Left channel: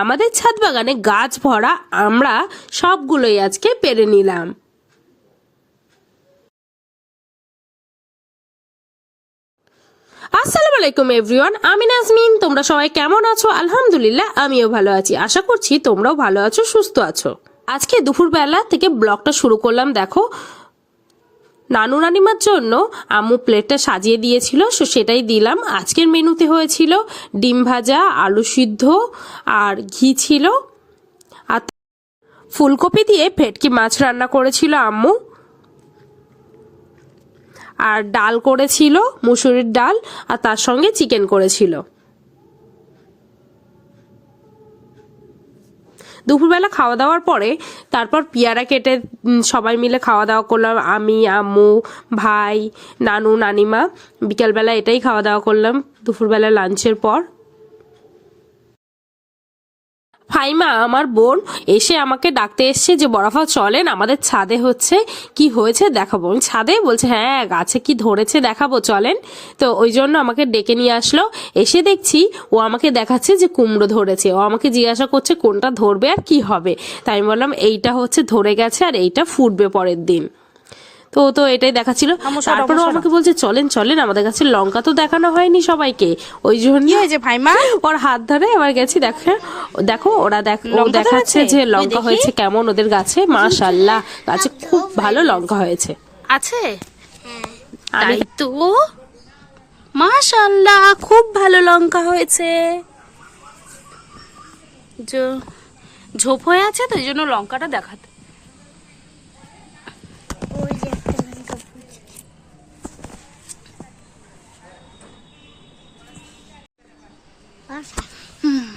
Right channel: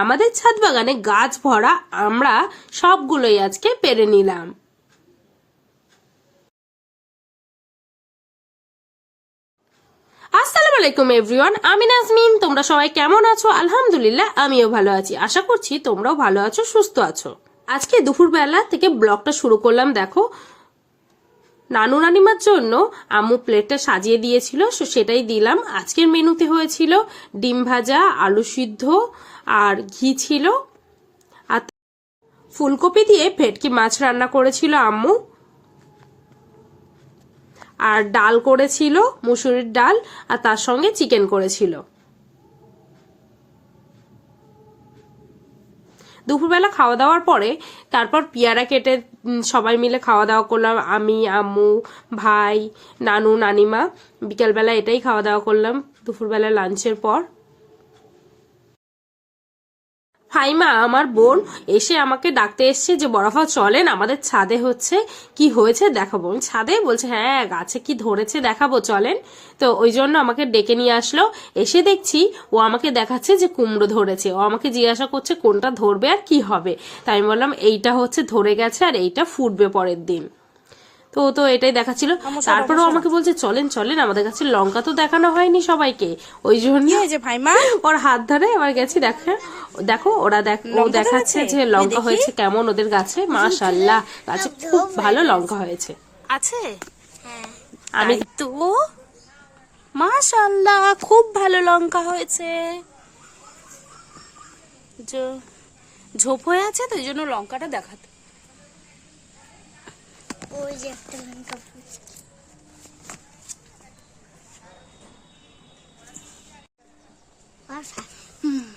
আমাদের ছাদ বাগানে গাছ ভরা আমরা সবগুলোই আজকে পেরে নিলাম। আসসালামু আলাইকুম এভরিওয়ান, আমি নাজমিন। তোমরা সবাই কেমন আছো? আলহামদুলিল্লাহ আমিও ভালো আছি। আশা করছি তোমরাও ভালো আছো, সুস্থ আছো। আজকে দুপুরবেলা থেকে ব্লগটা শুরু করলাম। দেখো, নানু নানিমার জন্য আম্মু প্লেটটা সাজিয়ে দিয়েছিল, সেটাই দিলাম। আজকের মেনুতে হয়েছিল ডিম ভাজা, আলু সিদ্ধ আর ঘি ছিল, আর ফুলকপি দিয়ে ভেটকি মাছ রান্না করেছিল আম্মু, আর ডাল করেছিল মুসুরির ডাল, আর তার সঙ্গে চিকেন করেছিল। দুপুরবেলা খাওয়া দাওয়ার পরে তারপর পেয়ারা কেটে সবাই মিলে খাওয়া দাওয়া করলাম। আমি, আম্মু, ভাই, নানু, নানিমা। বিকেলবেলা এটাই খাওয়া দাওয়া করলাম দুপুরবেলা লাঞ্চের পর। ফাইমা আমার বোন এসে আমাকে ডাকতে এসছে যে বরফা চলেন, আমাদের ছাদে হচ্ছে কি হয়েছে দেখাবো। ছাদে বলছে হ্যাঁ গাছে কি ধরেছে দেখাবো, চলেন। তো ওই জন্য আমাকে ডেকে নিয়ে আসলো। এসে দেখছি ও আমাকে দেখাচ্ছে যে কুমড়ো ধরেছে। ও আমাকে জিজ্ঞাসা করছে কোনটা ধরবে আর কি হবে। তাই আমি বললাম এইটা হচ্ছে ধরে গেছে আর এইটা ফুটবে পরের দিন। তো তো এটাই দেখাচ্ছিল। তারপরে আমাকে বলছে চলেন চলেন, আমাদের কাছে লঙ্কা তো দেখানো হয়নি সবাইকে, ওই জন্য ভাইমা ওর হাত ধরে আবার গেছি। দেখো দেখো ওরা দেখাচ্ছে যে লঙ্কা হয়েছে কেমন ওদের গাছে। মাশাআল্লাহ, গাছে খুব ভালো লঙ্কা হয়েছে। আছে তাই তো, মাশাআল্লাহ খুব ভালো লঙ্কা হয়েছে। ঝোপ হয়ে আছে তো এই জন্য লঙ্কাটা দেখাতে।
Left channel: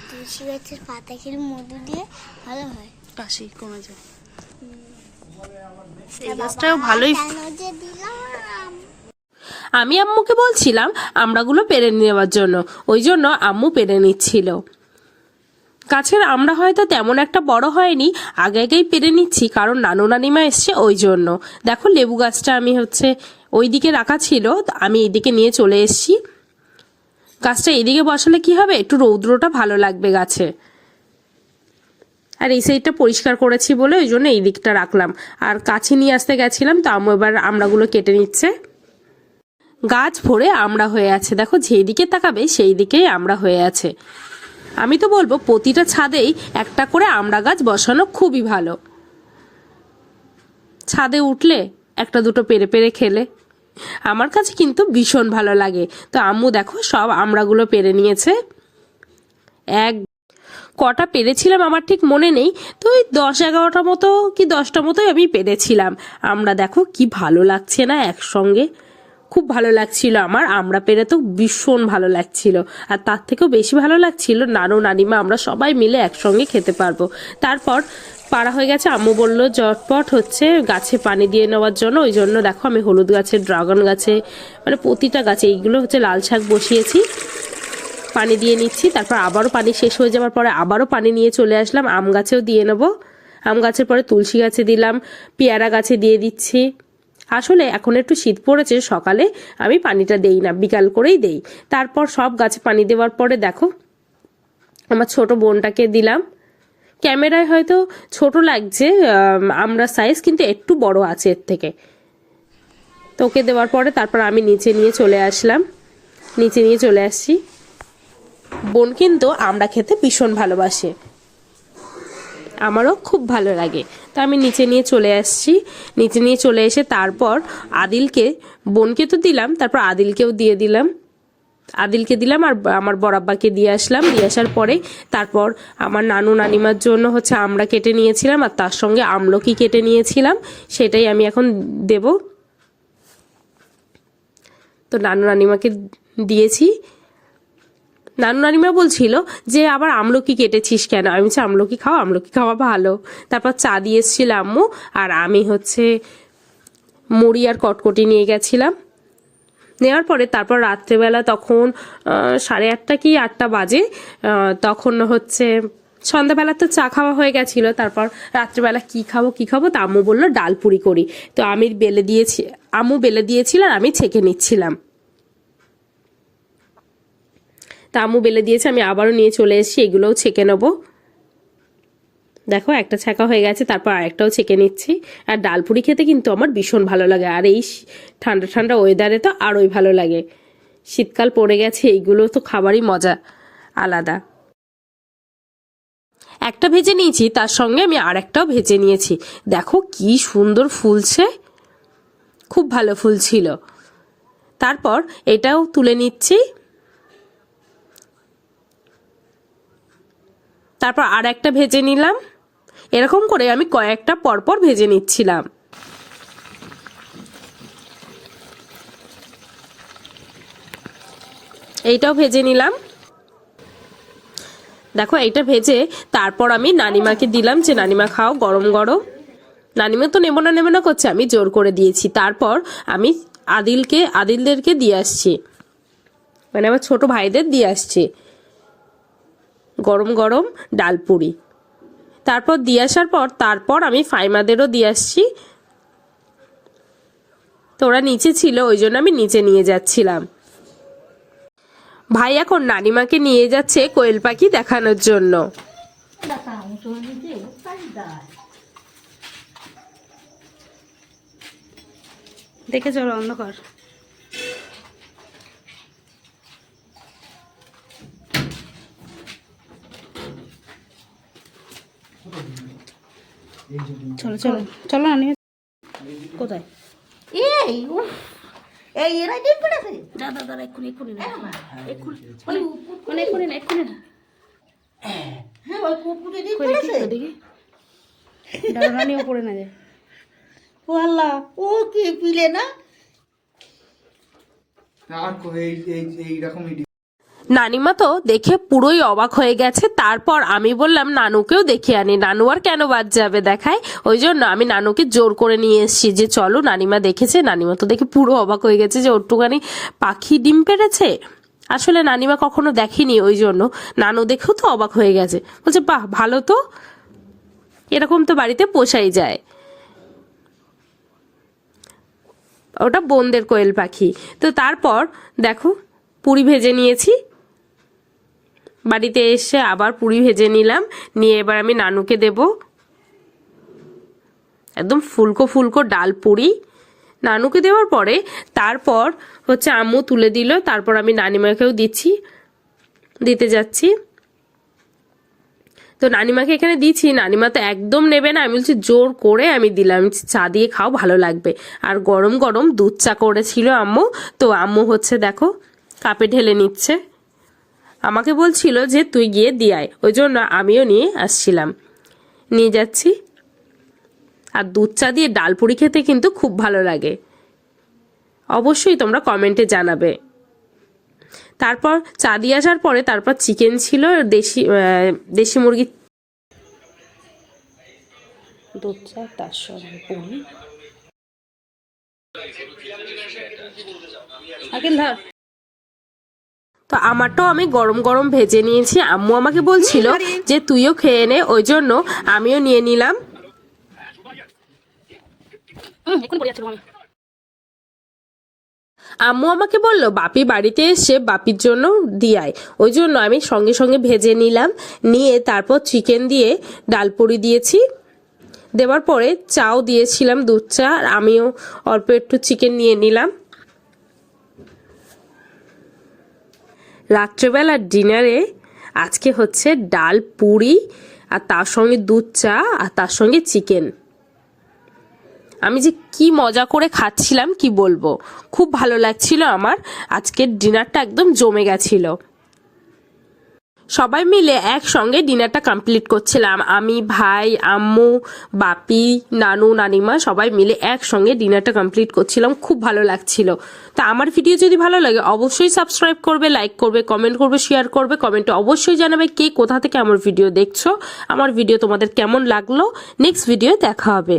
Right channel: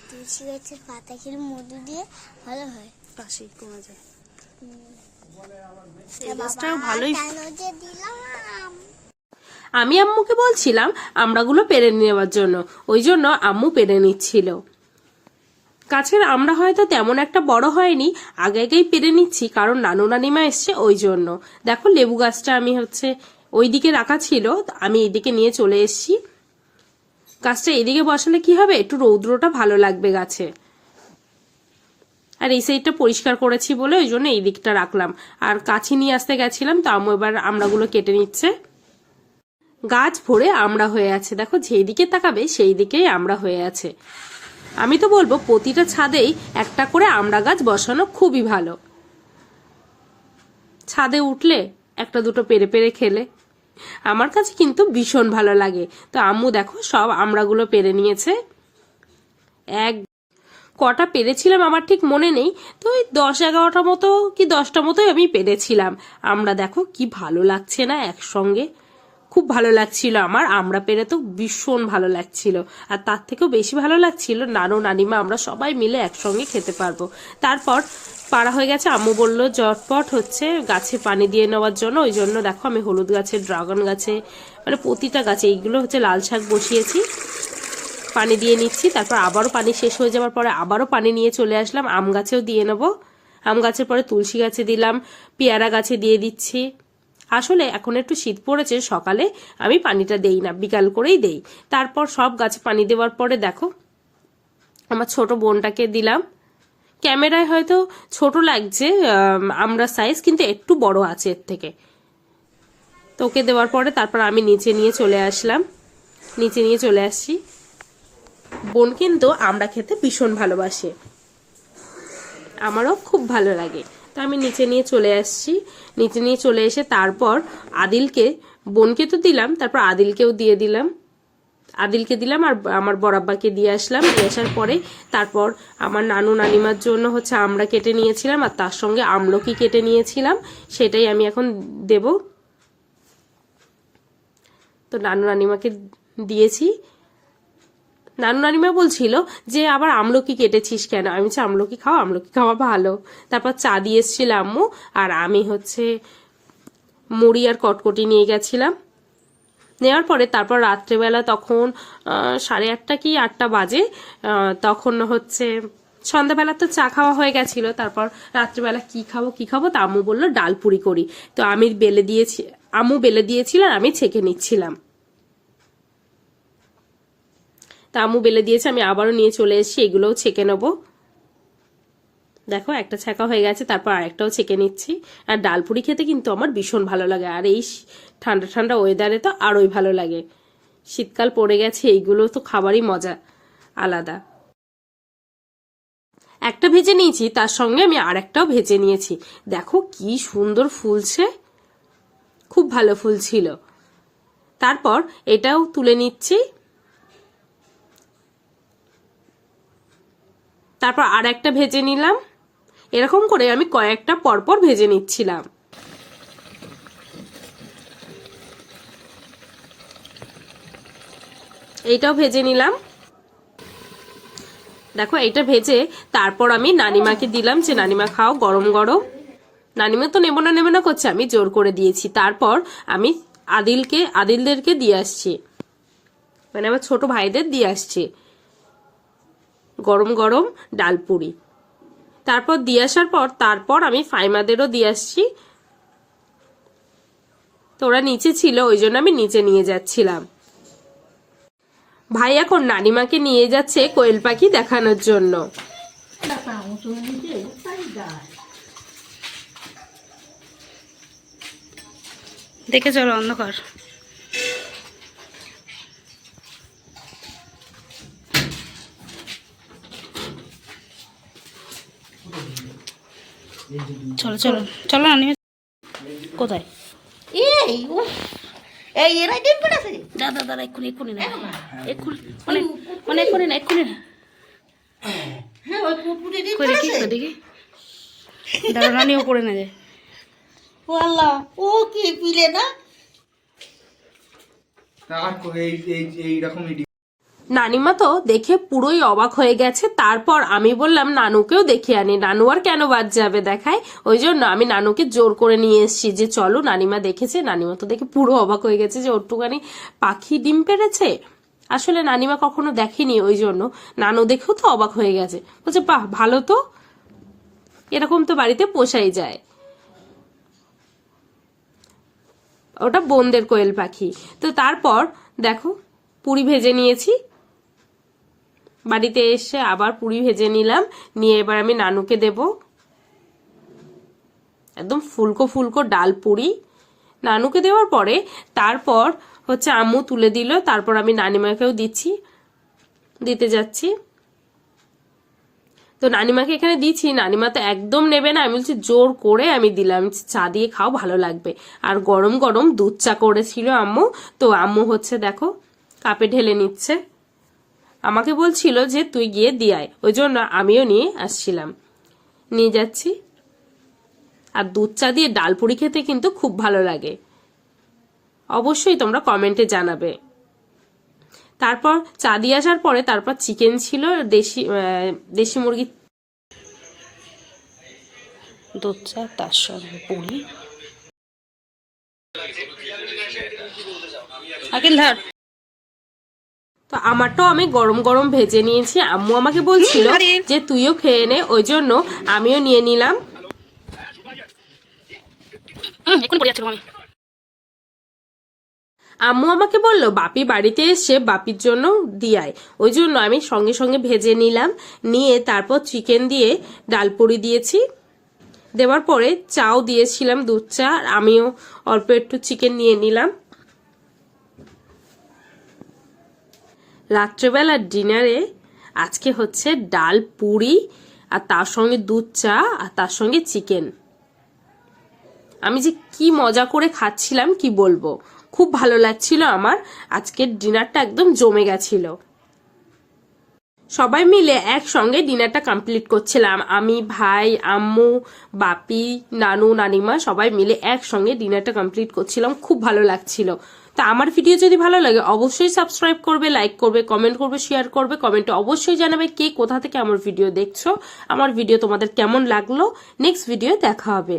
তুলসী গাছের পাতা খেলে মধু দিয়ে ভালো হয়, কাশি কমে যায়। এই গাছটাও ভালোই। আমি আম্মুকে বলছিলাম আমড়াগুলো পেরে নেওয়ার জন্য, ওই জন্য আম্মু পেরে নিচ্ছিল। গাছের আমড়া হয়তো তেমন একটা বড় হয়নি, আগে আগেই পেরে নিচ্ছি কারণ নানু নানিমা এসছে ওই জন্য। দেখো লেবু গাছটা আমি হচ্ছে ওইদিকে রাখা ছিল, আমি এইদিকে নিয়ে চলে এসছি। গাছটা এইদিকে বসালে কি হবে, একটু রৌদ্রটা ভালো লাগবে গাছে। আর এই সাইডটা পরিষ্কার করেছি বলে ওই জন্য এই দিকটা রাখলাম। আর কাছে নিয়ে আসতে গেছিলাম, তো আম্মু এবার আমড়াগুলো কেটে নিচ্ছে। গাছ ভরে আমড়া হয়ে আছে, দেখো যেই দিকে তাকাবে সেই দিকেই আমড়া হয়ে আছে। আমি তো বলবো প্রতিটা ছাদেই একটা করে আমড়া গাছ বসানো খুবই ভালো। ছাদে উঠলে একটা দুটো পেরে পেরে খেলে আমার কাছে কিন্তু ভীষণ ভালো লাগে। তো আম্মু দেখো সব আমড়াগুলো পেরে নিয়েছে। এক কটা পেরেছিলাম আমার ঠিক মনে নেই, তো ওই 10-11টা মতো কি 10টা মতোই আমি পেরেছিলাম। আমরা দেখো কি ভালো লাগছে না একসঙ্গে, খুব ভালো লাগছিল আমার। আমরা পেরে তো ভীষণ ভালো লাগছিল, আর তার থেকেও বেশি ভালো লাগছিল নানু নানিমা আমরা সবাই মিলে একসঙ্গে খেতে পারবো। তারপর পাড়া হয়ে গেছে, আম্মু বললো জটপট হচ্ছে গাছে পানি দিয়ে নেওয়ার জন্য। ওই জন্য দেখো আমি হলুদ গাছে, ড্রাগন গাছে, মানে প্রতিটা গাছে, এইগুলো হচ্ছে লাল শাক বসিয়েছি, পানি দিয়ে নিচ্ছি। তারপর আবারও পানি শেষ হয়ে যাওয়ার পরে আবারও পানি নিয়ে চলে আসলাম। আম গাছেও দিয়ে নেবো, আম গাছের পরে তুলসী গাছে দিলাম, পেয়ারা গাছে দিয়ে দিচ্ছি। আসলে এখন একটু শীত পড়েছে, সকালে আমি পানিটা দেই না, বিকাল করেই দেই। তারপর সব গাছে পানি দেওয়ার পরে দেখো আমার ছোট বোনটাকে দিলাম। ক্যামেরায় হয়তো ছোট লাগছে আমরা সাইজ, কিন্তু একটু বড় আছে এর থেকে। তোকে দেওয়ার পরে তারপর আমি নিচে নিয়ে চলে আসলাম, নিচে নিয়ে চলে আসছি। বোন কিন্তু আমরা খেতে ভীষণ ভালোবাসে, আমারও খুব ভালো লাগে। তো আমি নিচে নিয়ে চলে আসছি। নিচে নিয়ে চলে এসে তারপর আদিলকে, বোনকে তো দিলাম, তারপর আদিলকেও দিয়ে দিলাম। আদিলকে দিলাম আর আমার বড়াব্বাকে দিয়ে আসলাম। দিয়ে আসার পরে তারপর আমার নানু নানিমার জন্য হচ্ছে আমরা কেটে নিয়েছিলাম, আর তার সঙ্গে আমলকি কেটে নিয়েছিলাম, সেটাই আমি এখন দেব। তো নানু নানিমাকে দিয়েছি। নানু নানিমা বলছিল যে আবার আমলকি কেটেছিস কেন, আমি বলছি আমলকি খাও, আমলকি খাওয়া ভালো। তারপর চা দিয়ে এসেছিল আম্মু, আর আমি হচ্ছে মুড়ি আর কটকটি নিয়ে গেছিলাম। নেওয়ার পরে তারপর রাত্রেবেলা তখন 8:30 কি 8টা বাজে, তখন হচ্ছে সন্ধ্যাবেলা তো চা খাওয়া হয়ে গেছিল। তারপর রাত্রেবেলা কি খাবো তা আম্মু বললো ডাল পুরি করি। তো আমি বেলে দিয়েছি, আম্মু বেলে দিয়েছিল আর আমি ছেঁকে নিচ্ছিলাম। তা আম্মু বেলে দিয়েছে, আমি আবারও নিয়ে চলে এসেছি, এগুলোও ছেঁকে নেবো। দেখো একটা ছ্যাঁকা হয়ে গেছে, তারপর আরেকটাও ছেঁকে নিচ্ছি। আর ডালপুরি খেতে কিন্তু আমার ভীষণ ভালো লাগে, আর এই ঠান্ডা ঠান্ডা ওয়েদারে তো আরোই ভালো লাগে। শীতকাল পড়ে গেছে, এইগুলো তো খাবারই মজা আলাদা। একটা ভেজে নিয়েছি, তার সঙ্গে আমি আরেকটাও ভেজে নিয়েছি। দেখো কি সুন্দর ফুলছে, খুব ভালো ফুলছিল। তারপর এটাও তুলে নিচ্ছি। তারপর আর একটা ভেজে নিলাম। এরকম করে আমি কয়েকটা পরপর ভেজে নিচ্ছিলাম। এইটাও ভেজে নিলাম। দেখো এইটা ভেজে তারপর আমি নানিমাকে দিলাম, যে নানিমা খাও গরম গরম। নানিমা তো নেব না করছে, আমি জোর করে দিয়েছি। তারপর আমি আদিলদেরকে দিয়ে আসছি, মানে আমার ছোট ভাইদের দিয়ে আসছি গরম গরম ডালপুরি। তারপর দিয়ে আসার পর তারপর আমি ফাইমাদেরও দিয়ে আসছি। তো ওরা নিচে ছিল, ওই জন্য আমি নিচে নিয়ে যাচ্ছিলাম। ভাই এখন নানিমাকে নিয়ে যাচ্ছে কোয়েল পাখি দেখানোর জন্য। দেখে চলো অন্ধকার। চলো চলো চলো না নিয়ে। কোথায়? এই এই এরা ডিম পড়েছে। দাদা দাদা এক্ষুনি না, এক্ষুনি মানে এক্ষুনি না। হ্যাঁ ওই পুকুরে ডিম কই দেখি পড়েছে। দেখি, দাদা রানিও পড়ে না যায়। ও আল্লাহ, ও কি পিলে না? আর এইরকম নানিমা তো দেখে পুরোই অবাক হয়ে গেছে। তারপর আমি বললাম নানুকেও দেখে আনি, নানু আর কেন বাদ যাবে দেখায়। ওই জন্য আমি নানুকে জোর করে নিয়ে এসেছি যে চলো, নানিমা দেখেছে। নানিমা তো দেখে পুরো অবাক হয়ে গেছে যে ওটুখানি পাখি ডিম পেড়েছে। আসলে নানিমা কখনো দেখেনি, ওই জন্য নানু দেখেও তো অবাক হয়ে গেছে। বলছে বাহ ভালো তো, এরকম তো বাড়িতে পোষাই যায়। ওটা বোনদের কোয়েল পাখি। তো তারপর দেখো পুরি ভেজে নিয়েছি। বাড়িতে এসে আবার পুরি ভেজে নিলাম, নিয়ে এবার আমি নানুকে দেব। একদম ফুলকো ফুলকো ডাল পুরি নানুকে দেওয়ার পরে তারপর হচ্ছে আম্মু তুলে দিল। তারপর আমি নানিমাকেও দিতে যাচ্ছি। তো নানিমাকে এখানে দিচ্ছি, নানিমা তো একদম নেবে না। আমি বলছি জোর করে আমি দিলাম, চা দিয়ে খাও ভালো লাগবে। আর গরম গরম দুধ চা করেছিল আম্মু। তো আম্মু হচ্ছে দেখো কাপে ঢেলে নিচ্ছে। আমাকে বলছিল যে তুই গিয়ে দিয়ে আয়, ওই জন্য আমিও নিয়ে আসছিলাম, নিয়ে যাচ্ছি। আর দুধ চা দিয়ে ডালপুরি খেতে কিন্তু খুব ভালো লাগে, অবশ্যই তোমরা কমেন্টে জানাবে। তারপর চা দিয়ে আসার পরে তারপর চিকেন ছিল, দেশি মুরগি দুধ চা, তার সঙ্গে পুরি। আকিল ধর। তো আমারটাও আমি গরম গরম ভেজে নিয়েছি। আম্মু আমাকে বলছিল যে তুইও খেয়ে নে, ওই জন্য আমিও নিয়ে নিলাম। এখন পড়ে যাচ্ছে আমি। আম্মু আমাকে বললো বাপি বাড়িতে এসে বাপির জন্য দিয়ায়, ওই জন্য আমি সঙ্গে সঙ্গে ভেজে নিলাম। নিয়ে তারপর চিকেন দিয়ে ডালপুরি দিয়েছি। দেওয়ার পরে চাও দিয়েছিলাম, দুধ চা। আর আমিও অল্প একটু চিকেন নিয়ে নিলাম। রাত্রেবেলার ডিনারে আজকে হচ্ছে ডাল পুরি, আর তার সঙ্গে দুধ চা, আর তার সঙ্গে চিকেন। আমি যে কি মজা করে খাচ্ছিলাম কি বলবো, খুব ভালো লাগছিল আমার। আজকের ডিনারটা একদম জমে গেছিল। সবাই মিলে একসঙ্গে ডিনারটা কমপ্লিট করছিলাম। আমি, ভাই, আম্মু, বাপি, নানু, নানিমা সবাই মিলে একসঙ্গে ডিনারটা কমপ্লিট করছিলাম, খুব ভালো লাগছিল। তো আমার ভিডিও যদি ভালো লাগে অবশ্যই সাবস্ক্রাইব করবে, লাইক করবে, কমেন্ট করবে, শেয়ার করবে। কমেন্টে অবশ্যই জানাবে কে কোথা থেকে আমার ভিডিও দেখছো, আমার ভিডিও তোমাদের কেমন লাগলো। নেক্সট ভিডিও দেখা হবে।